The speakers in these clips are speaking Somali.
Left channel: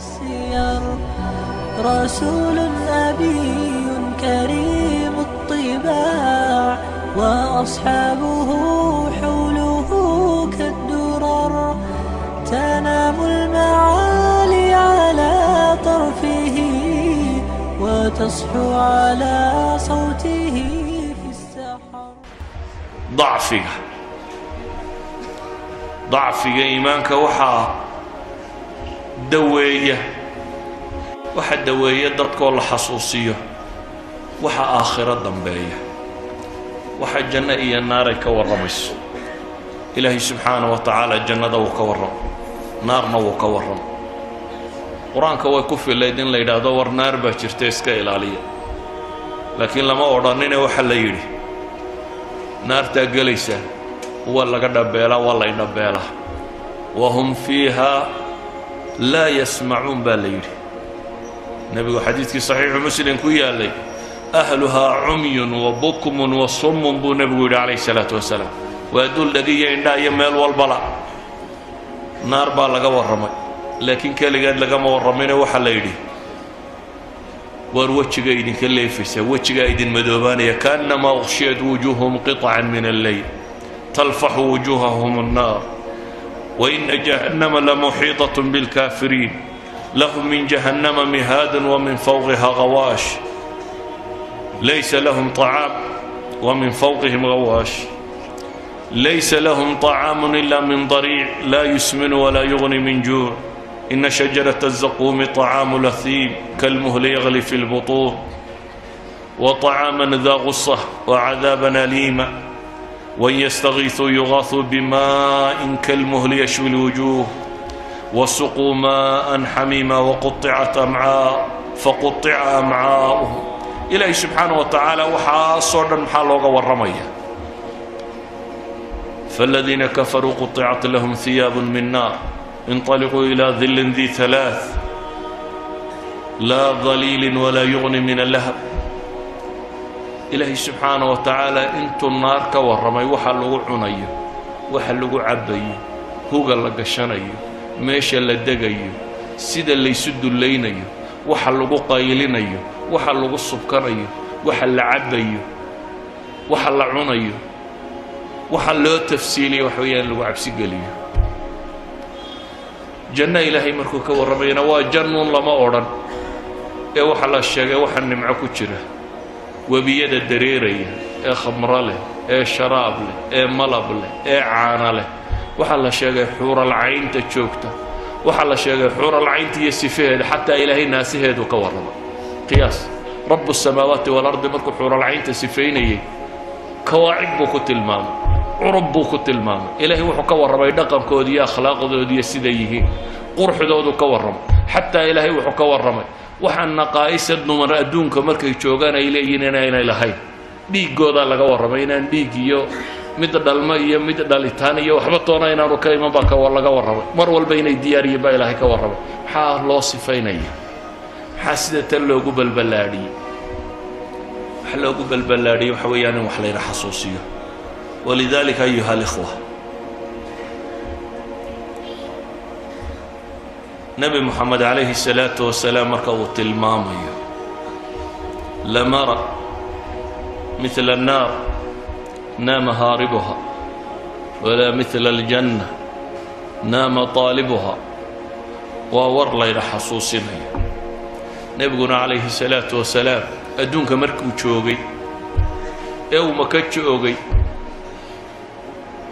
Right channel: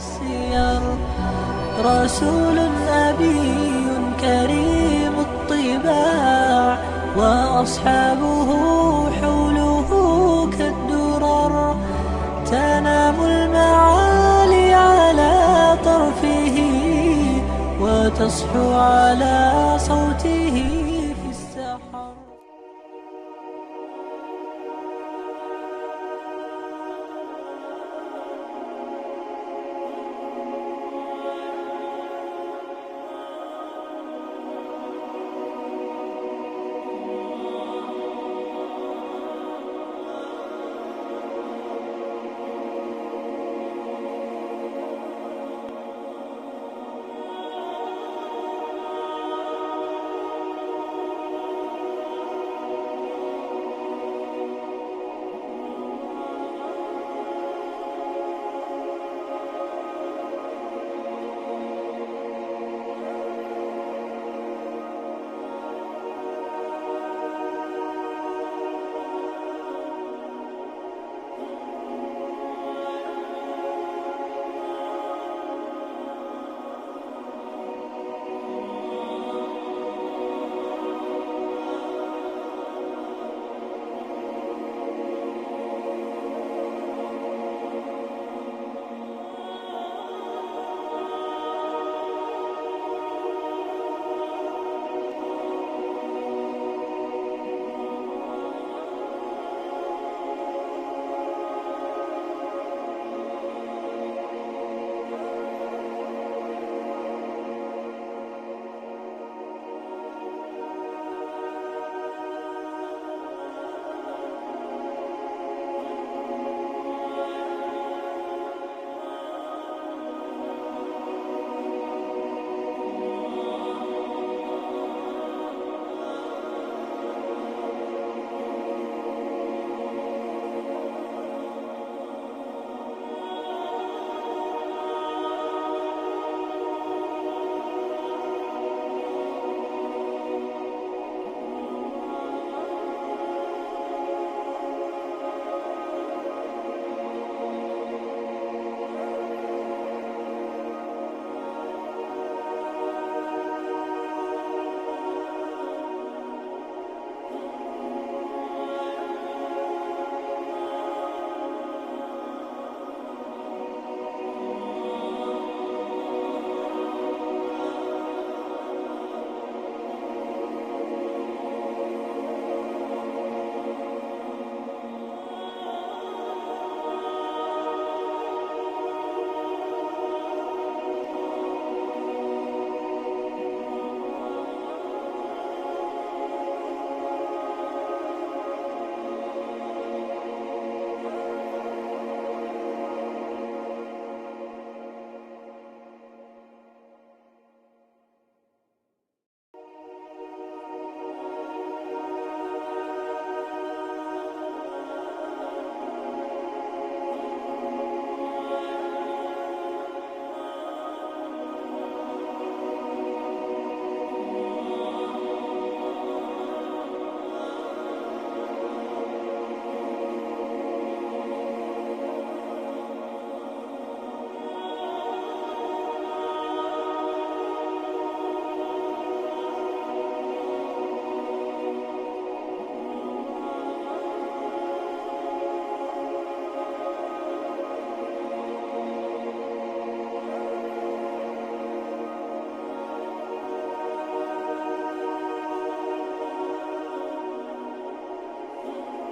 السير رسول أبي كريم الطباع وأصحابه حوله كالدرر تنام المعالي على طرفه وتصحو على صوته في السحر. ضعفك إيمانك وحا دوية وحا دوية دردك والله حصوصية وحا آخرة ضمبية وحا جنة إيا النار كورمس إلهي سبحانه وتعالى الجنة وكورم نارنا وكورم قرآنك ويكفي الليدين ليدا دور نار باشرتيسك إلالية لكن لما أورانين وحا ليدي نار تاقليسة ولا قد بيلا ولا ينبيلا وهم فيها لا يسمعون بالليل. نبي حديث صحيح مسلم كويا لي أهلها عمي وبكم وصم بو نبي عليه الصلاة والسلام ويدل لقي عندها يمال والبلاء نار بالغا ورمي لكن كالي قد لقا ما ورمينا وحل يدي وروتش قايدين كالليفسة وروتش قايدين مدوبانية كأنما أغشيت وجوههم قطعا من الليل تلفح وجوههم النار وإن جهنم لمحيطة بالكافرين لهم من جهنم مهاد ومن فوقها غواش ليس لهم طعام ومن فوقهم غواش ليس لهم طعام إلا من ضريع لا يسمن ولا يغني من جوع إن شجرة الزقوم طعام لثيم كالمهل يغلي في البطون وطعاما ذا غصة وعذابا أليما وإن يستغيثوا يغاثوا بماء كالمهل يشوي الوجوه وسقوا ماء حميما وقطعت أمعاء فقطع أمعاؤهم إلهي سبحانه وتعالى وحاصرا محالوغا والرمية فالذين كفروا قطعت لهم ثياب من نار انطلقوا إلى ظل ذي ثلاث لا ظليل ولا يغني من اللهب إلهي سبحانه وتعالى انتو النار كورمي وحلقوا عنيو وحلقوا عبيو هوغا لقشانيو ميشا لدقيو سيدا اللي يسدوا اللينيو وحلقوا قايلينيو وحلقوا السبكريو وحل عبيو وحل عنيو وحلقوا تفسيلي وحويا اللي عبسي قليو جنة إلهي مركو كورمينا وجنون لما أوران وحل الشاقة وحل نمعكو جره وبيد الدريرية خمر له شراب له ملب له عانى له وحل شيء حور العين تشوكته وحل شيء حور العين تيسفيه حتى إلهي ناس هيدو كورم قياس رب السماوات والأرض مركو حور العين تسفيني كواعب بوكت المام عرب بوكت المام إلهي وحو كورم يدقم كودي أخلاق ذودي سديه قرح ذودو كورم حتى إلهي وحو كورم waxaan naqaayisad numar adduunka markay joogaan ay leeyihiin inay lahayn dhiigooda laga warramay inaan dhiig iyo mid dhalma iyo mid dhalitaan iyo waxba toona inaanu ka iman baa ka laga warramay mar walba inay diyaariyeen baa Ilaahay ka warramay maxaa loo sifaynaya maxaa sida tan loogu balbalaadiyay waxa loogu balbalaadiyay waxa weeyaan wax la yiraahdo xasuusiyo walidaalika ayuha alikhwa نبي محمد عليه الصلاة والسلام مركض المامي لمرأ مثل النار نام هاربها ولا مثل الجنة نام طالبها وور لير حصوصنا نبينا عليه الصلاة والسلام أدونك مركو تشوغي أو مكتشوغي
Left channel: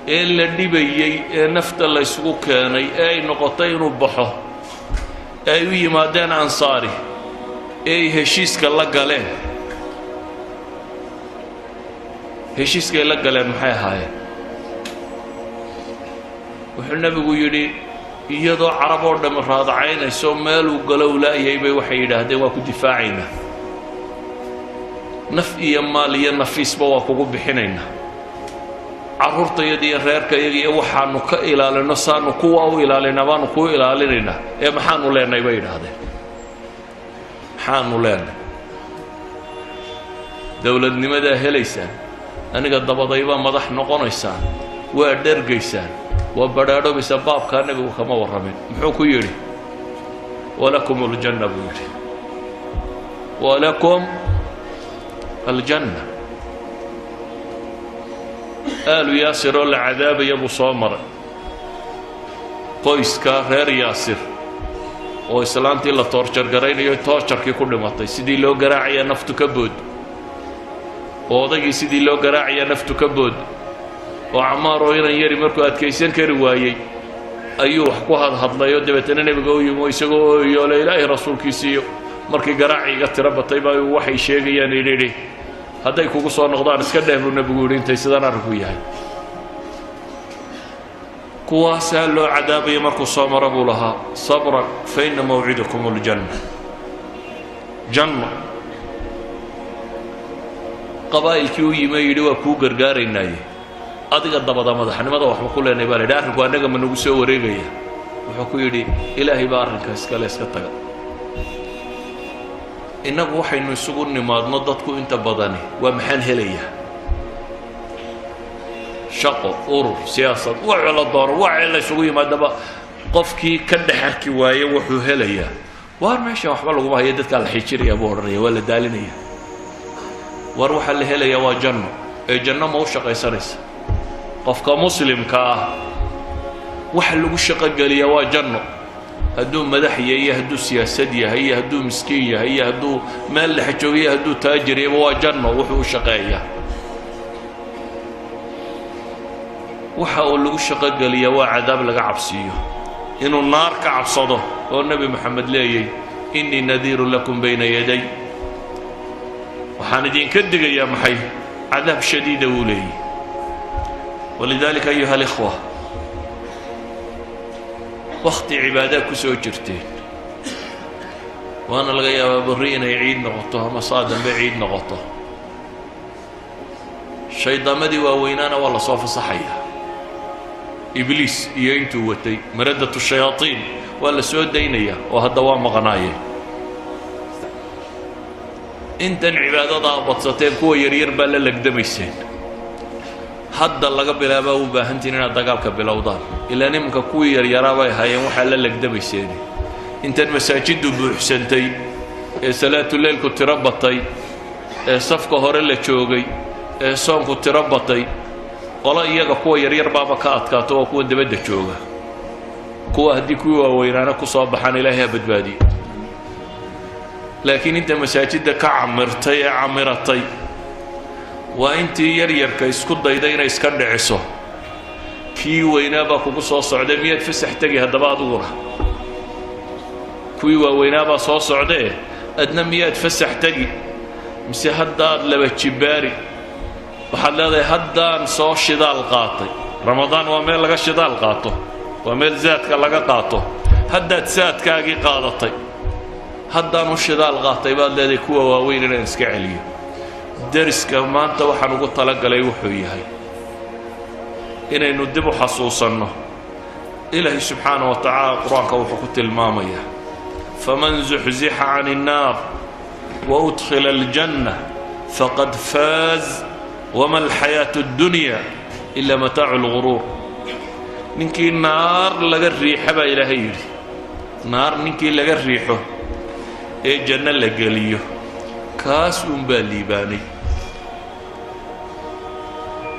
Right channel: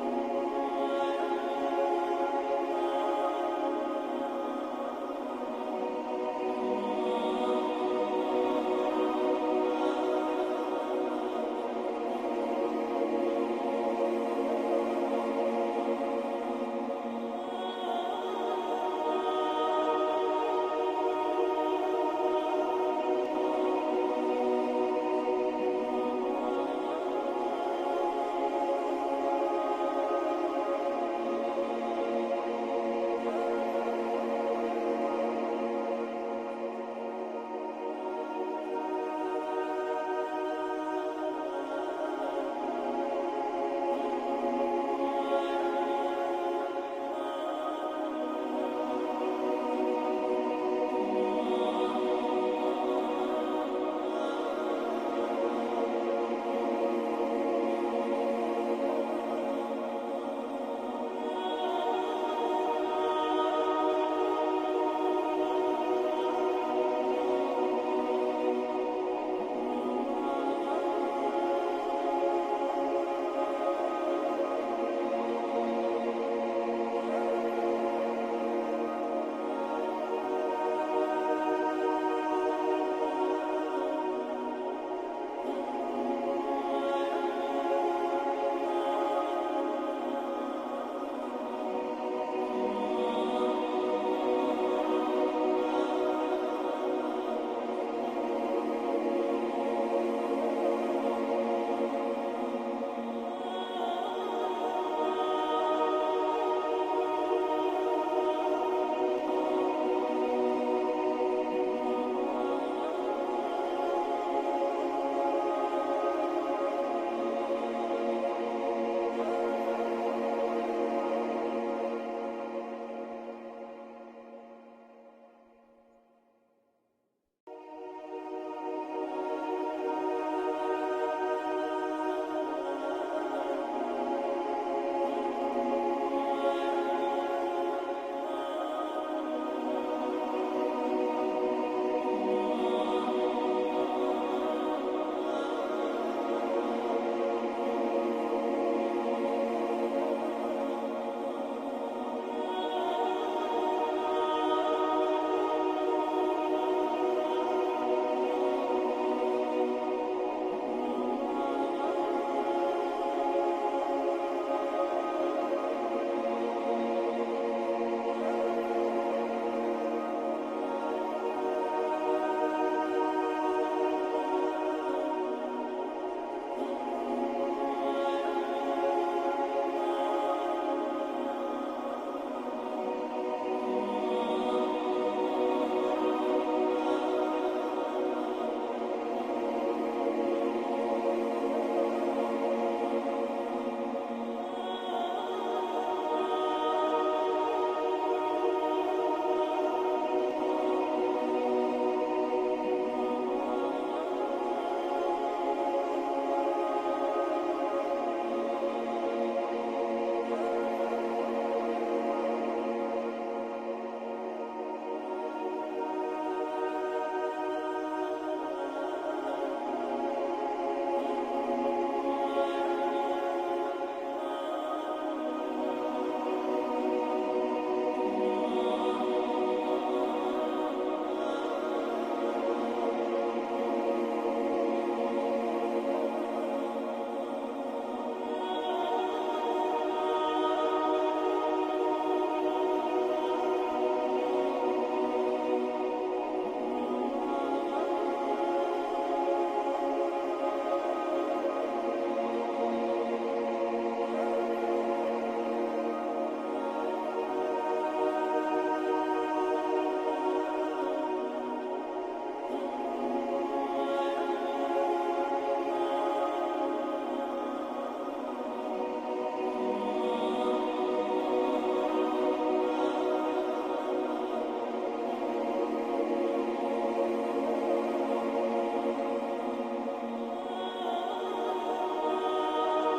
إلا النبي نفت الله يسوكاني أي نقطين بحه أي مادين أنصاري أي هشيسك الله قاله هشيسك الله قاله محي هاي وحنا بيقولي يضع عرب ورد مراد عينه سومال وقالوا لا يبي وحيده هذا واكو دفاعنا نفي ماليا نفيس بواكو بحنينا عرورتا يدي reerka iyaga waxaanu ka ilaalino saanu kuwa u ilaalina baanu ku ilaalinayna maxaanu leenahay bay yiraahdeen maxaanu leenahay dawladnimada helaysaan aniga dabadayba madax noqonaysaan waa dhargaysaan waa badhaadho bisa baabka nabigu kama waramin muxuu ku yiri walakum aljanna buu yidhi walakum aljanna aalu yaasir oo la cadaabaya buu soo maray qoyska reer yaasir oo islaantii la toorjar garaynayo toorjarkii ku dhimatay sidii loo garaacaya naftu ka bood oo odaygii sidii loo garaacaya naftu ka bood oo Camaar oo inan yari markuu adkaysan kari waayey ayuu wax ku hadlayo dabeetana nabiga u yimo isagoo yoole ilaahay rasuulkiisiyo markii garaaciga tira batay baa waxay sheegayaan inay hadday kugu soo noqdaan iska dheebru nabigu yiri intay sidaan arku yahay kuwaasaa loo cadaabaya markuu soo mara buu lahaa sabran fa inna mawcidakum aljanna janna qabaa'ilkii u yimay yidhi waa kuu gargaaraynaaye adiga dabada madaxnimada waxba ku leenay baa la yidhi arrinku annaga ma nagu soo wareegaya wuxuu ku yidhi ilaahay baa arrinka iskale iska taga innagu waxaynu isugu nimaadno dadku inta badani waa maxaan helayaa shaqo urur siyaasad waxa la dooro waxa la isugu yimaadaba qofkii ka dhaxarki waaye wuxuu helayaa waar meesha waxba lagu hayo dadka la xijiraya buu oranaya waa la daalinaya war waxa la helayaa waa janno ee janno ma u shaqaysanaysa qofka muslimka ah waxa lagu shaqo galiyaa waa janno hadduu madax yahay hadduu siyaasad yahay hadduu miskiin yahay hadduu meel la xajooyo hadduu taajir yahay waa janno wuxuu u shaqeeyaa waxa uu lagu shaqo galiyaa waa cadaab laga cabsiyo inuu naar ka cabsado oo nabi maxamed leeyay inni nadiiru lakum bayna yaday waxaan idinka digayaa maxay cadaab shadiida uu leeyay walidaalika ayuha alikhwa waqti cibaada ku soo jirteen waana laga yaabaa barri inay ciid noqoto ama saadambe ciid noqoto shaydaamadii waaweynaana waa la soo fasaxaya إبليس ينتو وتي مردة الشياطين ولا سود دينية وهذا مقناية أنت العبادة ضابط ستين كو يرير بلا لك دميسين حد الله قبل أباه بهنتين دقالك بالأوضاع إلا نمك كو يريرا هاي وحل لك دميسين أنت المساجد بحسنتي صلاة الليل كنت ربطي صفقة هوريلا تشوغي صوم كنت ربطي qola iyaga kuwa yaryar baaba ka adkaato oo kuwa dabadda jooga kuwa haddii kuwii waaweynaana ku soo baxaan ilaahay ha badbaadiyo laakiin inta masaajidda ka camirtay ee camiratay waa intii yaryarka isku dayday inay iska dhiciso kii weynaa baa kugu soo socday miyaad fasax tegi haddaba aduguna kuwii waaweynaa baa soo socdee adna miyaad fasax tegi mise haddaad laba jibaari waxaad leedahay haddaan soo shidaal qaatay ramadaan waa meel laga shidaal qaato waa meel zaadka laga qaato haddaad saadkaagii qaadatay haddaan u shidaal qaatay baad leedahay kuwa waaweyn inaan iska celiyo dariska maanta waxaan ugu talagalay wuxuu yahay inaynu dib u xasuusanno ilaahay subxaanahu wa tacaala qur-aanka wuxuu ku tilmaamayaa faman zuxzixa cani innaar wa udkhila aljanna faqad faaz وما الحياة الدنيا إلا متاع الغرور ننكي نار لغا الريحة با إلهي نار ننكي لغا الريحة إيه جنة لغالية كاس بالليباني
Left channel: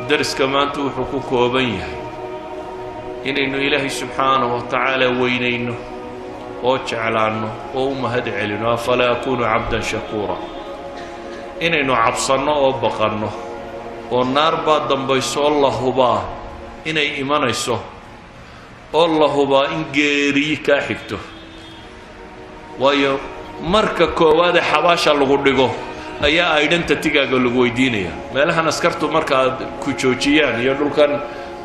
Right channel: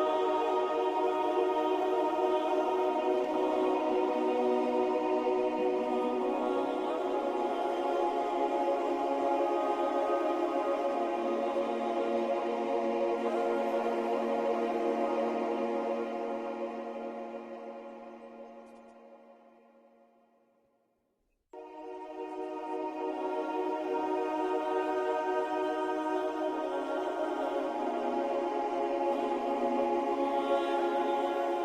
درس كمان توحكوك وبيه إنه إلهي سبحانه وتعالى وينينه وجعل عنه وهم هدع لنا فلا يكون عبدا شكورا إنه عبصنا وبقرنا والنار بعد دنبيسو الله هبا إني إيمانيسو الله هبا إن جيري كاحكتو وايو مركا كواد حباشا لغو ديغو أيا أيدن تتيغا لغو يدينيا مالها نسكرتو مركا كوچوچيان يقول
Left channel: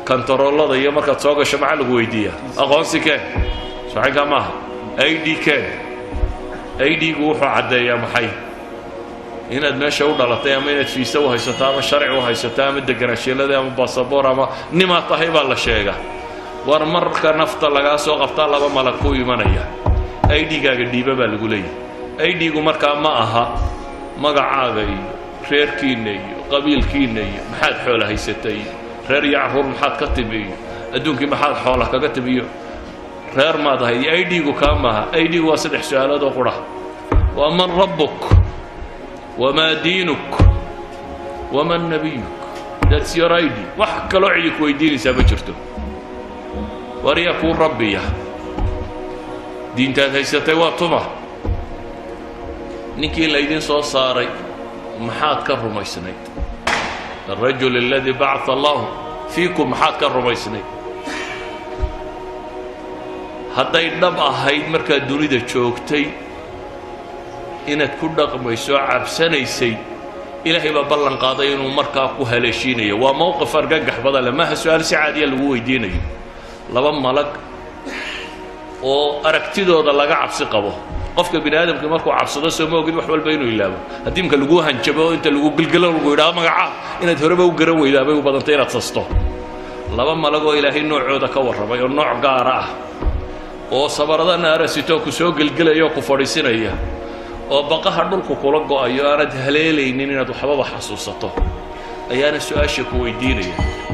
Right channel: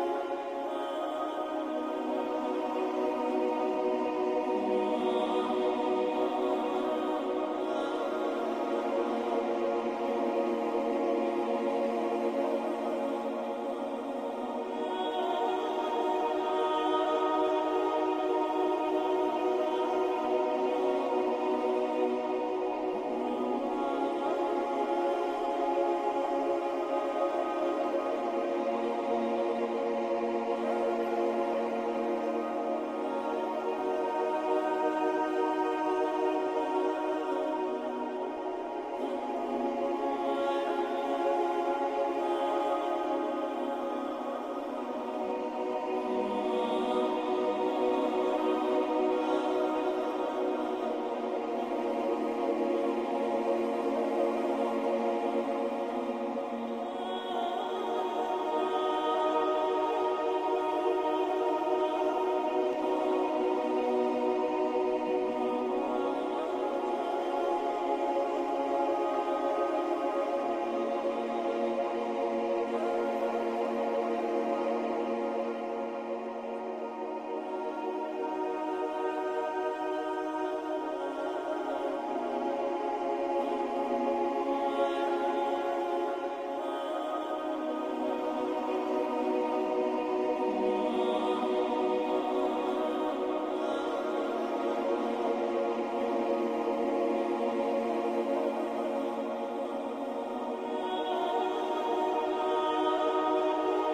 كان ترولو دا يا مركا تسوغا شمع لغو يديا أغونسي كان صحيحا ما أيدي كان أيدي وحو عدا يا محي inaad meesha u dhalatay ama inaad fiisa u haysato ama sharci u haysato ama deganaanshiilada ama baasaboor ama nimaa tahay baa la sheegaa war marka nafta lagaa soo qabtaa laba malag ku imanaya aydhigaaga dhiiba baa lagu leeyahay aydhigu markaa ma aha magacaaga iyo reerkiinna iyo qabiilkiinna iyo maxaad xoola haysatay reer iyo carruur maxaad ka timi iyo adduunkii maxaad xoola kaga timi iyo reer maad ahayd idgu kaa maaha idgu waa saddex su-aalood oo qura waa man rabbuk wamaa diinuk waman nabiyuk that's your id wax kaloo cidi ku weydiinaysaa ma jirto wariyaa kuu rabbiya diintaad haysatay waa tuma ninkii laydin soo saaray maxaad ka rumaysnayd الرجل الذي بعث الله فيكم maxaad ka rumaysnayd hadday dhab ahayd markaad dunida joogtay inaad ku dhaqmayso cabsanaysay ilaahay baa ballan qaaday inuu markaa ku haleeshiinayo waa mowqif argagax badan leh maaha su-aal si caadiya lagu weydiinayo laba malag oo aragtidooda laga cabsi qabo qofka bini aadamka markuu cabsado soo ma ogid wax walba inuu ilaabo haddii imka lagu hanjabo inta lagu gilgilo lagu yidhaha magaca inaad horeba u garan weydaa bay u badantay inaad sasto laba malag oo ilaahay noocooda ka warramay oo nooc gaara ah oo sabarada naarasitoo ku soo gilgilaya oo ku fadhiisinaya oo baqaha dhulku kula go'ayo aanad haleelaynin inaad waxbaba xasuusato ayaana su-aasha ku weydiinaya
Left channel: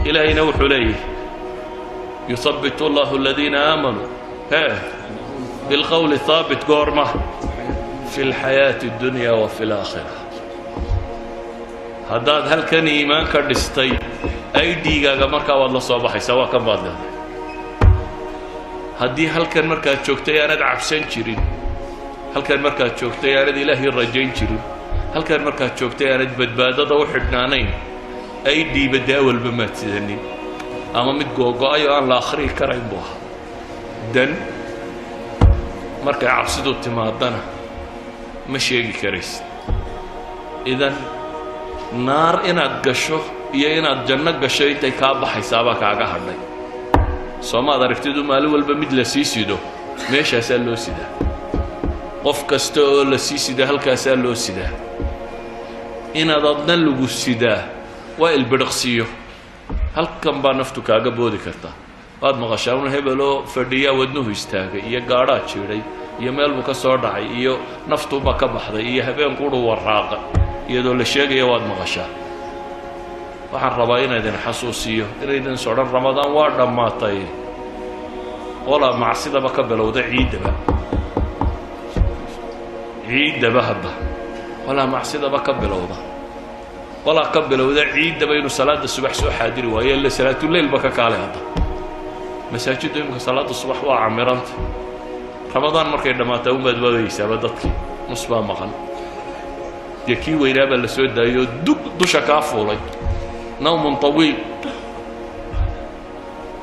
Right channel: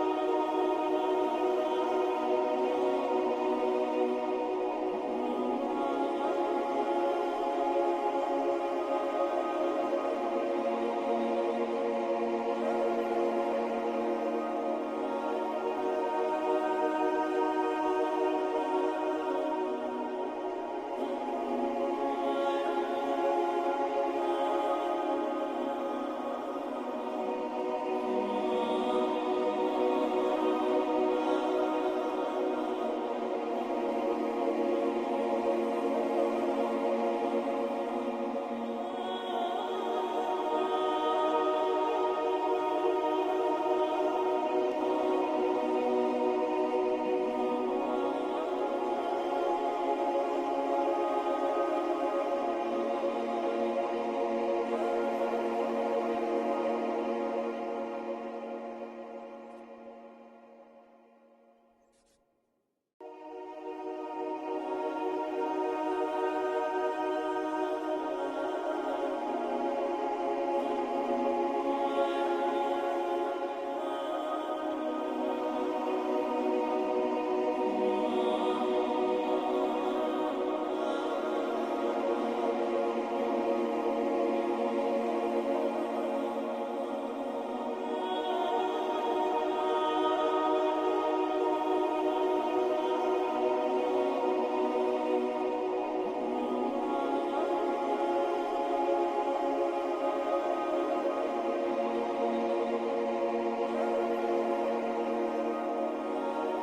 ilaahayna wuxuu leeyahay yuthabbitu allahu aladiina aamanuu بالقول الثابت قورمة في الحياة الدنيا وفي الآخرة هذا هل كان إيمان كردستي أي ديجا مركا والله صباحي سواء كم بعد هدي هل كان مركا تشوكتي أنا عفسان شيرين هل كان مركا تشوكتي أنا إلهي الرجين شيرين هل كان مركا تشوكتي أنا بدبادة وحدنانين أي دي بداول بمات ذني أما متجوجا أيوة أنا الآخرين كريم بوها دن markay cabsidu timaadana ma sheegi karaysid idan naar inaad gasho iyo inaad janno gasho intay kaa baxaysaabaa kaaga hadhay soomaad aragtidu maalin walba mid la sii sido meeshaasaa loo sidaa qof kasta oo la sii sida halkaasaa loo sidaa inaad adna lagu sidaa waa ilbidhiqsiyo halkan baa naftu kaaga boodi kartaa waad maqashaa un hebeloo fadhiyaa wadnuhu istaagay iyo gaadhaa jiidhay iyo meel buu ka soo dhacay iyo naftuuba ka baxday iyo habeenkuudhu warraaqa iyadoo la sheegaya waad maqashaa waxaan rabaa inaydin xasuusiyo inaydin sodhan ramadaan waa dhammaatay walaa macsidaba ka bilowda ciiddaba hadda walaa macsidaba ka bilowda walaa ka bilowda ciiddaba inuu salaada subax soo xaadiri waayo illa salaatuleylba ka kaalay hadda masaajiddu imika salaada subax waa camiranta ramadaan markay dhammaataa umaad waadaysaaba dadkii nus baa maqan dee kii weynaa baa la soo daayoo dusha kaa fuulay nawmun tawiil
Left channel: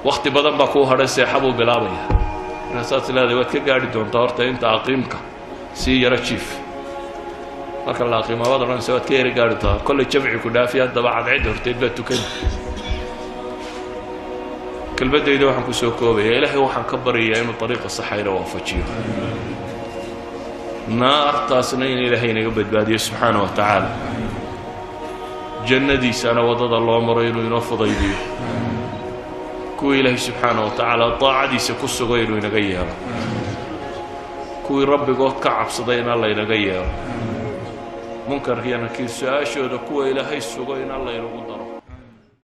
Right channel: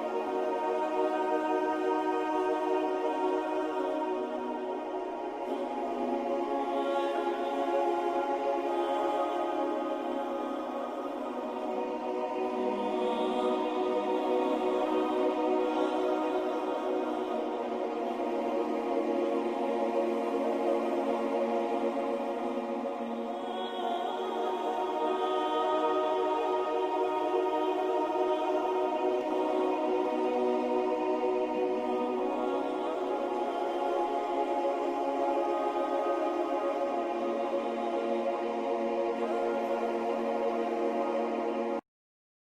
wakti badan baa kuu hadhay seexa buu bilaabaya markaasaad leedahay waad ka gaadhi doontaa horta inta aqiimka sii yaro jiif marka la aqiimo waad odhanaysa waad ka yara gaadhi doontaa kollay jamci ku dhaafi haddaba cadcid horteed baa tukani كلمتي ده وحن كسوكوبة يا إلهي وحن كبر يا إنه طريقة صحيحة وافجيه نار تاسنين إلهي نقبل بادي سبحانه وتعالى جنة دي سنة وضد الله مرين وينفض يدي كو إلهي سبحانه وتعالى طاعة دي سكس غير وينغيها كو ربي قوة كعب صدين الله ينغيها ممكن هي أنا كيس أشهد كو إلهي سغين الله ينغيها